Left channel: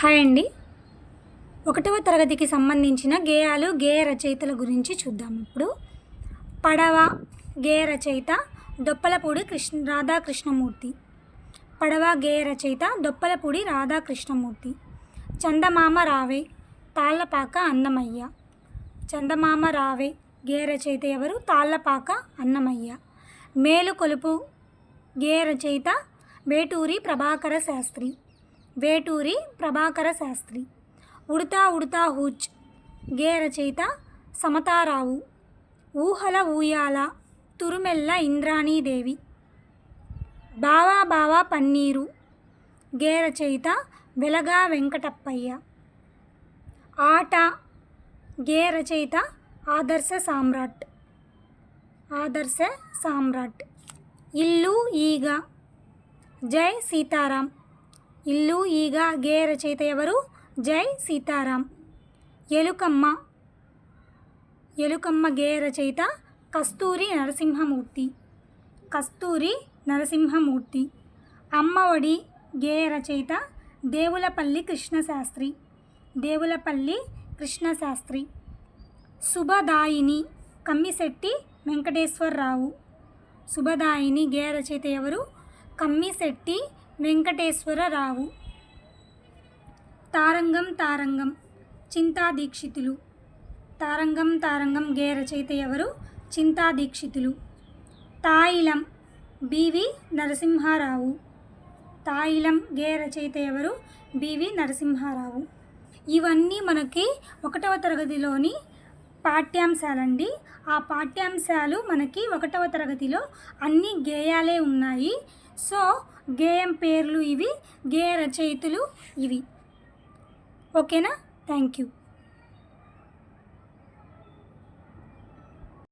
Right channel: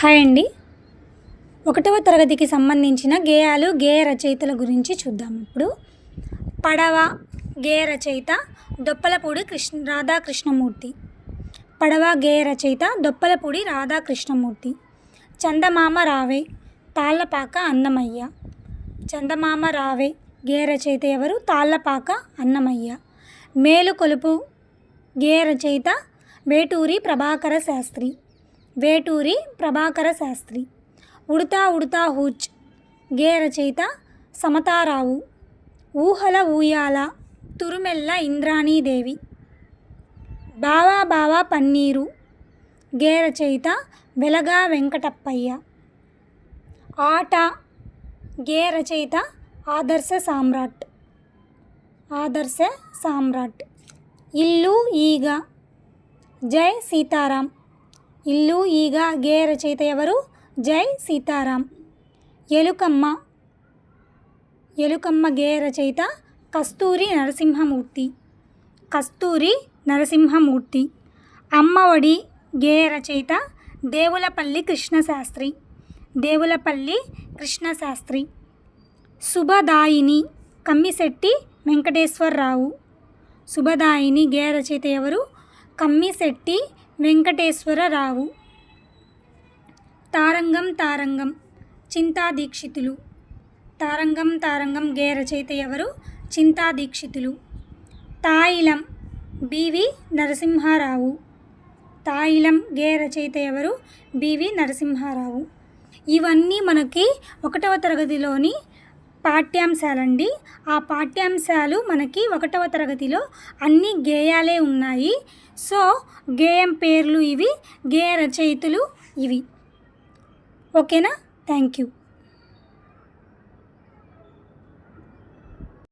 Hi అండి. 1వ తరగతికి సంబంధించిన గేయాలు, గేయ రచయితల గురించి చూద్దాం ఇప్పుడు. పడవ గేయ రచయిత దొప్పలపూడి రాధాకృష్ణమూర్తి. పడవ గేయ రచయిత దొప్పలపూడి రాధాకృష్ణమూర్తి. చందమామ రావే తాళ్ళపాక అన్నమయ్య. చందమామ రావే గేయ రచయిత ఎవరు? తాళ్ళపాక అన్నమయ్య. మేలుకొలుపు గేయ రచయిత వేటూరి ప్రభాకర శాస్త్రి. వేటూరి ప్రభాకర శాస్త్రి. ఉడతా ఉడతా హూచ్ గేయ రచయిత సమతారావు. ఊహల ఊయాల తురుమెల్ల ఇంద్రాణీదేవి. బావా బావా పన్నీరు గేయ రచయిత వెలగా వెంకటప్పయ్య. ఆట గేయ రచయిత ఆదర్శ సామ్రాట్. ఆదర్శ సామ్రాట్. ఇల్లు ఈగ జై సీతారాం. ఇల్లు ఈగ గేయ రచయిత ఎవరు? జై సీతారాం. ఎలుకమ్మ ఎలుకమ్మ గేయ రచయిత కస్తూరి నరసింహమూర్తి. కస్తూరి నరసింహమూర్తి. అమ్మఒడి గేయ రచయిత దేవులపల్లి కృష్ణశాస్త్రి. దేవులపల్లి కృష్ణశాస్త్రి. శుభదాయిని కమ్మిశెట్టి వెంకటేశ్వరరావు. శుభదాయిని గేయ రచయిత ఎవరు? కమ్మిశెట్టి వెంకటేశ్వరరావు. తారంగం తారంగం చింతా దీక్షితులు. తారంగం తారంగం గేయ రచయిత ఎవరు? చింతా దీక్షితులు. తాయిలం బివి నరసింహారావు. తాయిలం గేయ రచయిత ఎవరు? బివి నరసింహారావు. ఇవన్నీ మనకి 1వ తరగతిలోని పాఠ్యాంశాలండి. ఆ పాఠ్యాంశాలు మనకి 1వ తరగతిలో అన్ని గేయాలే ఉన్నాయి. సో గేయం పేర్లు ఇవి, గేయ రచయితలు ఇవి. ఓకేనా? Thank you.